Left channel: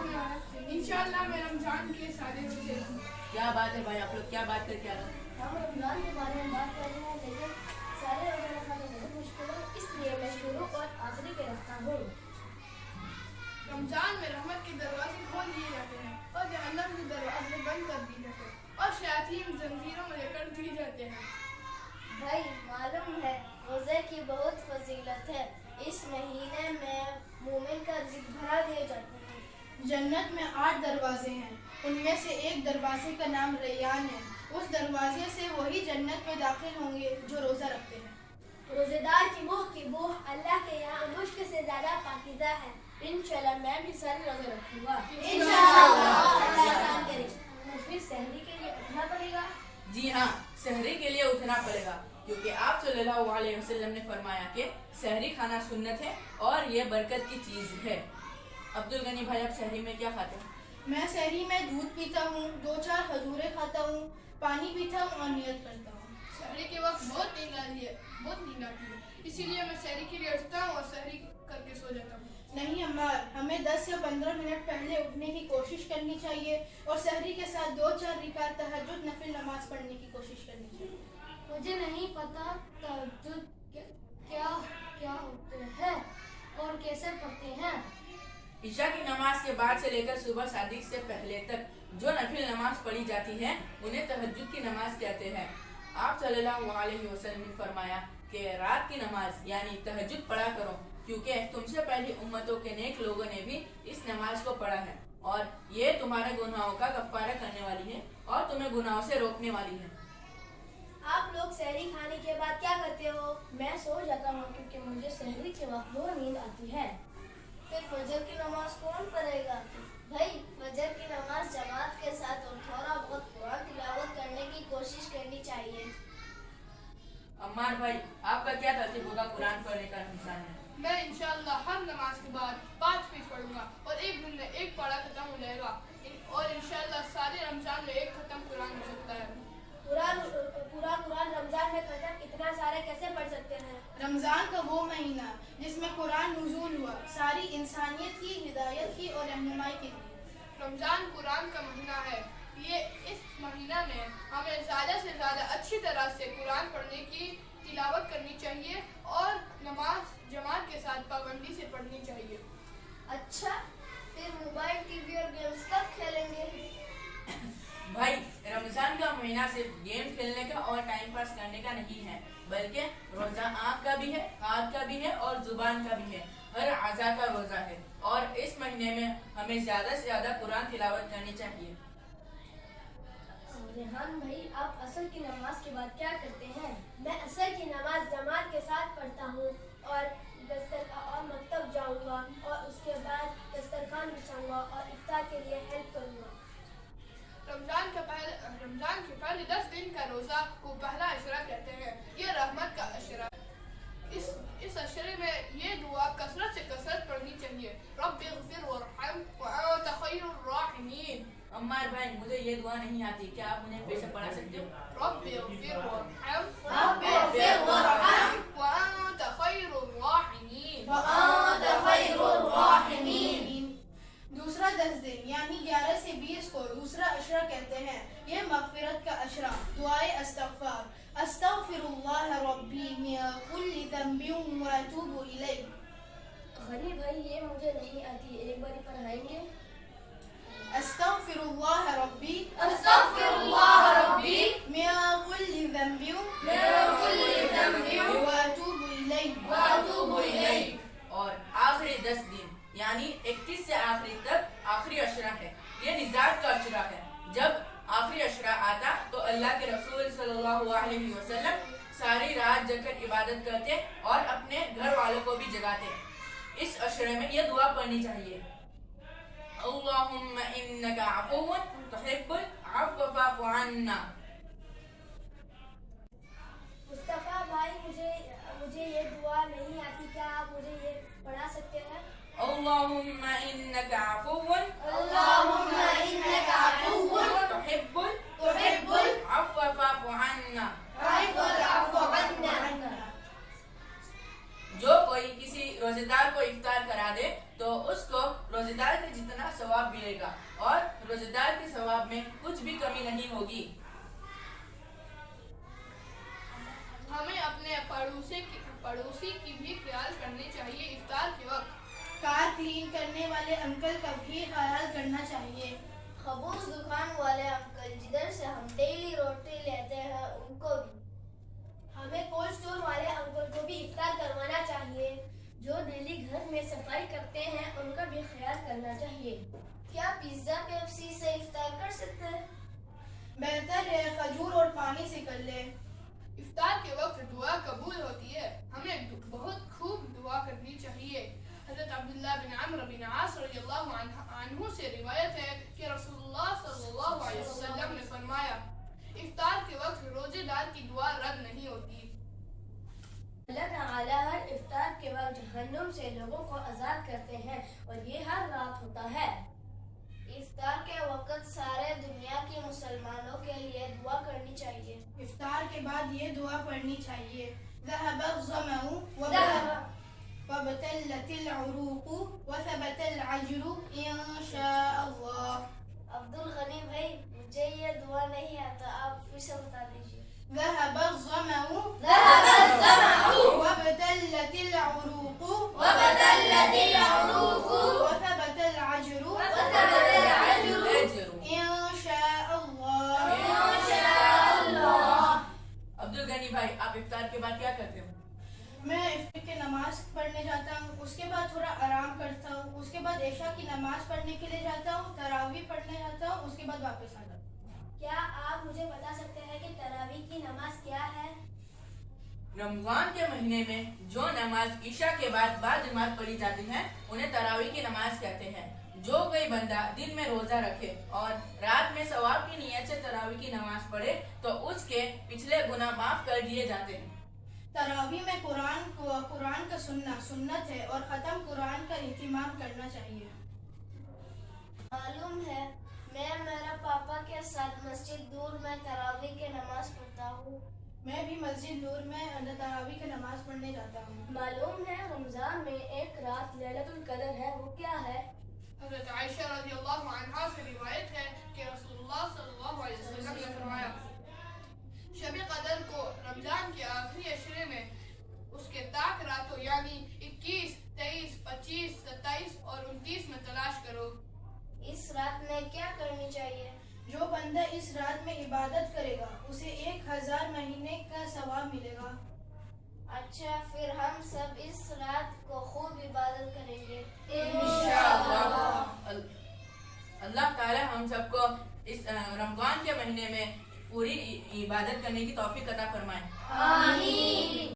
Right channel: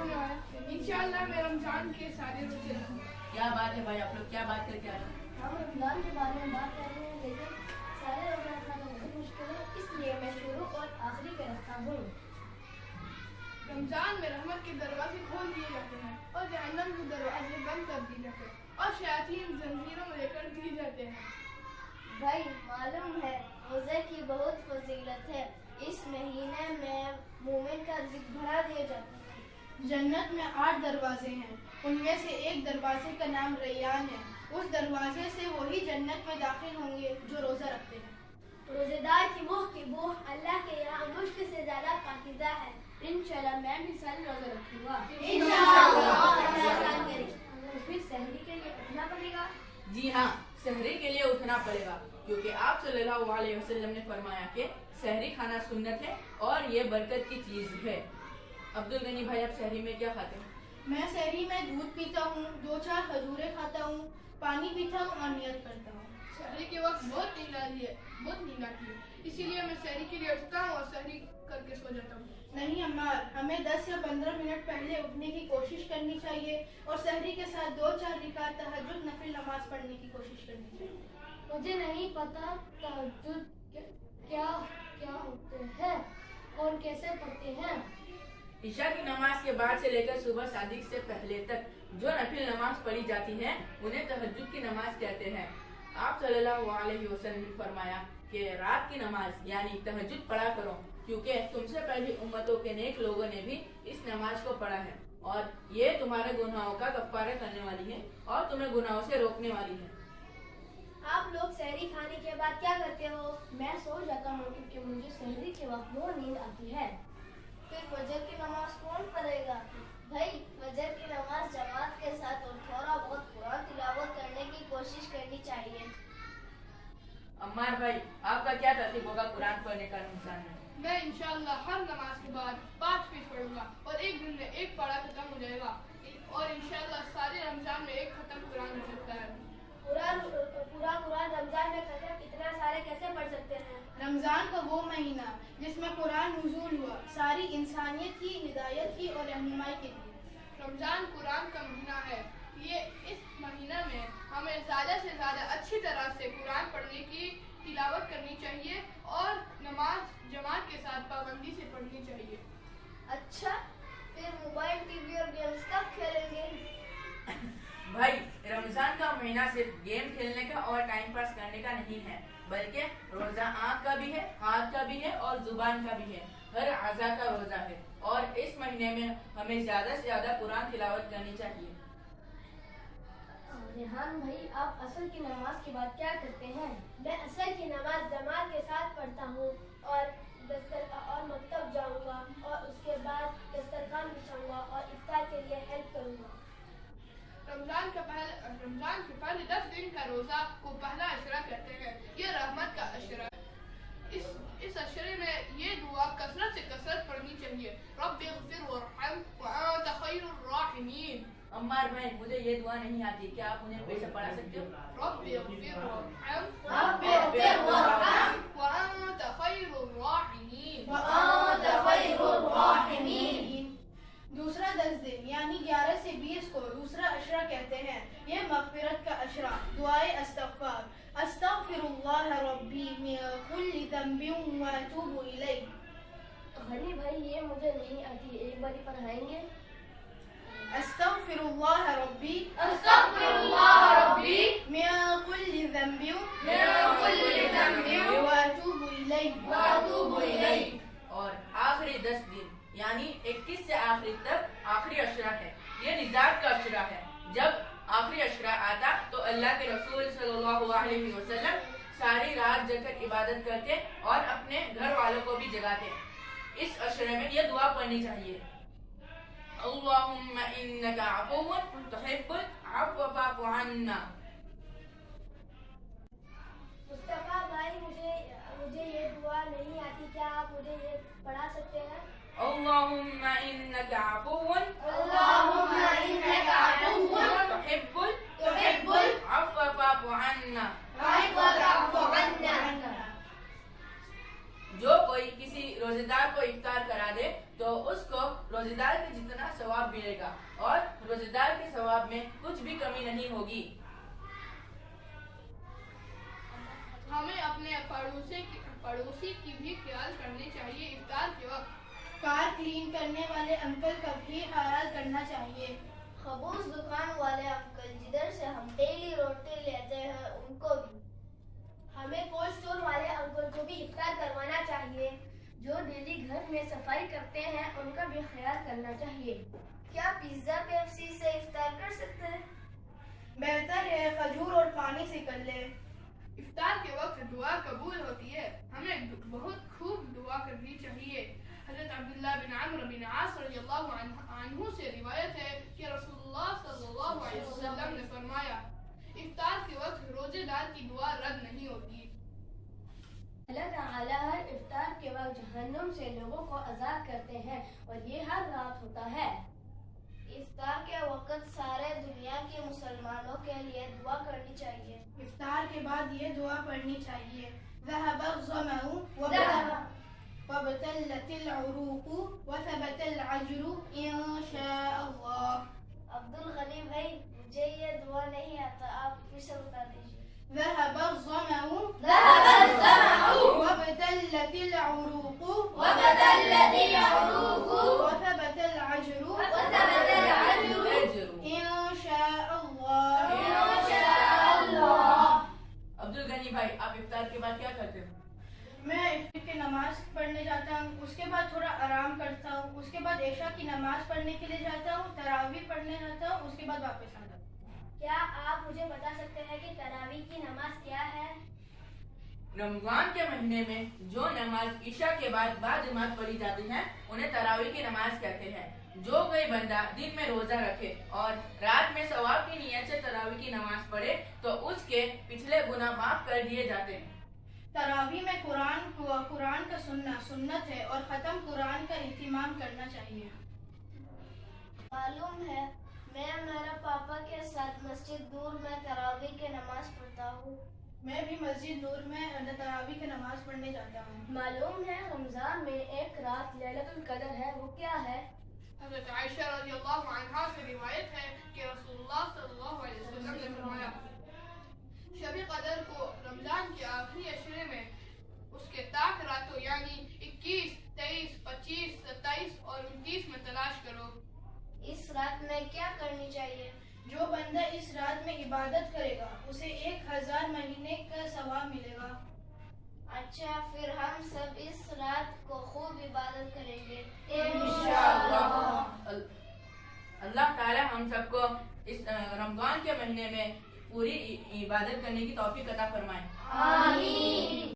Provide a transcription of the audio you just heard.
इंशाअल्लाह मैं रमजान के सारे रोजे रखूंगा। क्या बात है भाई, आप लोग क्या बात करके आ रहे हैं? हम रमजान के बारे में बात कर रहे हैं, लेकिन सारे रोजे रखना तो बहुत मुश्किल है, इसलिए मैं शुरू और आखिरी के रखता हूँ। रमजान में रहमत के दरवाजे खोल दिए जाते हैं और जहन्नम के दरवाजे बंद कर दिए जाते हैं और शयातीन जंजीरों में लेकर दिए जाते हैं। भाई मालूम है रोजे की बहुत फजीलत है। इस महीने में मोमिन का रिज़्क भरा दिए जाता है। जन्नत में 8 दरवाजे हैं, उनमें से एक दरवाजे का नाम रैयान है। उस दरवाजे से वही जन्नत में दाखिल होंगे जो रोज़ा रखते हैं। रोजेदार की बूह अल्लाह के यहाँ मुश्क से ज्यादा पाकीज़ा है। इंशाल्लाह मैं भी सारे रोजे रखूंगा। इंशाल्लाह। फिर सहरी के लिए उठना पड़ेगा। जी हाँ, सहरी के लिए उठना पड़ेगा, क्योंकि आप सल्लल्लाहु अलैहि वसल्लम ने फरमाया कि सहरी खाना सुन्नत है और ये बरकत की चीज़ है। अब्दुल गनी भाई, आप सहरी में क्या खाते हैं? मैं सहरी में दूध पीता हूँ, 2-4 खजूरें खाता हूँ, पानी पीता हूँ और नियत करता हूँ। सहरी के वक्त बहुत नींद आती है, इसीलिए मैं सहरी के लिए उठता हूँ और सहरी करके सो जाता हूँ। नहीं अम्मार, हमें 10 या 15 मिनट पहले उठने की कोशिश करनी चाहिए और सहरी के साथ 2-4 रिकात तहज्जुद नफिल नमाज पढ़ने की कोशिश करनी चाहिए। मुझे नहीं पता तहज्जुद क्या क्या होते हैं और कैसे पढ़ते हैं। ईशा की नमाज के बाद से लेकर सुबह सादिक से पहले तक जो नफिल नमाज पढ़ी जाती है उन्हें तहज्जुद की नमाज कहते हैं। आप सल्लल्लाहु अलैहि वसल्लम ने फरमाया कि रात की नमाज यानी तहज्जुद पढ़ा करो, क्योंकि तुमसे पहली उम्मतों के नेक लोगों ने भी इस नमाज को पढ़ा है और ये तुम्हारे गुनाहों का कफ्फारा करने वाली है और तुम्हें गुनाहों से रोकने वाली है। आप लोग सहरी खाने के बाद क्या करते हो? मैं सो जाता हूँ क्योंकि मुझे सहरी के वक्त बहुत नींद आती है। फिर फजर की नमाज कौन पढ़ेगा? भाई फजर की नमाज जमात के साथ और थोड़ा बहुत कुरान तिलावत करने की कोशिश करनी चाहिए। अम्मार भाई, आपका क्या तरतीब होगा कुरान पढ़ने का रमजान में? मैं इंशाअल्लाह हर नमाज के बाद 5 पेज पढ़ूंगा और एक दिन में एक पारा खत्म हो जाएगा और इंशाअल्लाह सारे रमजान में एक खत्म कुरान हो सकता है। पूरा कुरान रमजान में खत्म इतना सारे कैसे पढ़ सकते हैं? रमजान का वो महीना जिसमें कुरान नुज़ूल हुआ, सारी इंसानियत की हिदायत की और रहनुमाई के लिए। रमजान कुरान का महीना है। ये इस महीना में हमें ज़्यादा से ज़्यादा अच्छी तरह से कुरान पढ़ने की तिलावत करनी चाहिए और नमाज जमात के साथ पाबंदी से पढ़नी चाहिए। अच्छा, फिर मोबाइल टीवी और गेम्स कब खेलेंगे? भाई रमजान का महीना सिर्फ गेम खेलने का और टाइम पास करने का नहीं है, बल्कि रोजा आँख का भी है, हाथ का भी है और जुबान का भी है। हर आज़ा का रोजा है और इस महीने में हमें ज्यादा से ज्यादा कुरान तिलावत करनी चाहिए। रेहान भाई, आप असर की नमाज के बाद क्या करते हैं? मैं असर की नमाज जमात के साथ पढ़ता हूँ और मकतब जाऊँगा और उसके बाद दस्तरखान बिछाऊंगा और इफ्तार के लिए हेल्प करूँगा। रमजान के पहले 10 दिन का रोजा को पहला अशरा कहते हैं। ये रहमत का अशरा है। इस अशरे में ये दुआ कसरत से कसरत पढ़नी चाहिए। रब्बिग़फिर वरहम व अंत खैरुर राहिमीन। अम्मार भाई, मुझे ये दुआ नहीं आती, क्या आप मुझे फिर से पढ़ा सकते हो? रब्बिग़फिर वरहम व व अंत खैरुर राहिमीन। दूसरा 10 दिन यानी 11 से 20 को दूसरा अशरा कहते हैं। ये मग़फ़िरत का अशरा, दुआए अस्तग़फ़ार, अस्तग़फ़िरुल्लाह रब्बी मिन कुल्लि ज़ंबिन व अतूबु इलैह। गनी भाई, ये मुझे नहीं आती, एक बार पढ़ाएंगे? अस्तग़फ़िरुल्लाह रब्बी मिन कुल्लि ज़ंबिन व अतूबु इलैह। और आखिरी 10 दिन यानी 21 से आखिरी तक आखिरी अशरा है। ये निजात का अशरा है। जब आखिरी अशरा आता तो अल्लाह के रसूल सल्लल्लाहु अलैहि वसल्लम सारी रात जगकर इबादत करते और अपने घर वालों को भी जगाते। इस अशरे में यह दुआ पढ़नी चाहिए, अल्लाहुम्मा इन्नका अफ़ुव्वुन तुहिब्बुल अफ़्व फ़अफ़ु अन्ना। मुस्तफा भाई, मुझे ये दुआ नहीं आती, क्या आप मुझे ये पढ़ा सकते हैं? अल्लाहुम्मा इन्नका अफ़ुव्वुन तुहिब्बुल अफ़्व फ़अफ़ु अन्ना। जो कोई किसी रोजे روزے دار کو افطار کرا دے تو اس کو روزے دار کے جتنا ثواب ملے گا اور روزے دار کے ثواب میں کچھ بھی کمی نہیں ہوگی۔ ہمیں اپنے پڑوسی کی بھی خیال کرنی چاہیے۔ افطار کے وقت کار کلین کرنے والے انکل کا بھی خیال کرنا چاہیے۔ خبوز دکان والے انکل جدھر سے ہم ڈیلی روٹی لیتے ہیں ان کو بھی۔ ہمیں کولڈ اسٹور والے انکل کو بھی افطار کروانا چاہیے۔ جو ڈیلی گھر میں صفائی کرتے ہیں ان کا بھی خیال کرنا چاہیے۔ کیا پیزا پیپسی سے افطار کر سکتے ہیں؟ بہتر ہے کھجور اور پانی سے کر لیں۔ افطار کے وقت دعا قبول ہوتی ہے، ہمیں بہت خوب دعا کرنی چاہیے۔ حضرت عبداللہ بن عمرو بن عاص رضی اللہ عنہ سے روایت ہے کہ رسول اللہ صلی اللہ علیہ وسلم نے فرمایا افطار کے وقت روزے دار کی دعا رد نہیں ہوتی۔ اللہ تعالیٰ ہر افطار کے وقت جہنم سے لوگوں کو آزاد کرتے ہیں اور یہ ہر رات ہوتا ہے۔ افطار کے وقت سارے دنیا کے مسلمانوں کے لیے دعا کرنی چاہیے۔ افطار کے بعد یہ دعا پڑھنی چاہیے، ذهب الظمأ وابتلت العروق وثبت العجر ان شاء اللہ۔ عبد الغنی بھائی مجھے یہ دعا نہیں آتا، آپ پھر سے بتا دیجیے۔ ذهب الظمأ وابتلت العروق وثبت العجر ان شاء اللہ۔ عبد الغنی بھائی آپ افطار کے بعد کیا کرتے ہو؟ میں افطار کی نماز پڑھنے جاتا ہوں، اس کے بعد تھوڑا آرام کرتا ہوں، اس کے بعد عشاء کی نماز پڑھنے کے لیے جاتا ہوں، تراویح پڑھنے جاتا ہوں، اس کے بعد واپس آتا ہوں۔ کیا آپ مجھے بتا سکتے ہیں کہ تراویح کی نماز کیا ہے؟ رمضان کے مہینے میں جو نماز عشاء کے بعد جماعت پڑھی جاتی ہے انہیں تراویح کی نماز کہتے ہیں۔ جو کوئی بندہ دن میں روزہ رکھے اور رات میں ثواب کی نیت سے تراویح کی نماز پڑھے تو اس کے پچھلے گناہ معاف کر دیے جاتے ہیں۔ تراویح میں قرآن کا سننا سنت ہے اور ختم قرآن کا اہتمام کرنا چاہیے۔ معلوم ہے میں میرے پاپا کے ساتھ مسجد دور میں تراویح کی نماز پڑھتا ہوں۔ میں بھی مسجد نور میں تراویح کی نماز پڑھنے جاتا ہوں۔ معلوم ہے رمضان میں ایک رات لیلۃ القدر ہے، وہ کیا ہے؟ حضرت عائشہ رضی اللہ عنہا سے روایت ہے کہ رسول اللہ صلی اللہ علیہ وسلم نے فرمایا شب قدر کو رمضان کے آخری عشرے میں اس کے طاق راتوں یعنی 21، 23، 25، 27 اور 29 میں تلاش کرو۔ اس رات میں کیا کرنی چاہیے؟ جو بندہ اس رات میں عبادت کرے گا اسے 1000 مہینے کا ثواب ملے گا۔ اچھا پھر ہم سب اس رات کو خوب عبادت کریں گے انشاءاللہ۔ اللہ تعالی ہم سب کو اس رمضان کے مہینے میں پوری عبادت کرنے کی توفیق عطا فرمائے۔ آمین۔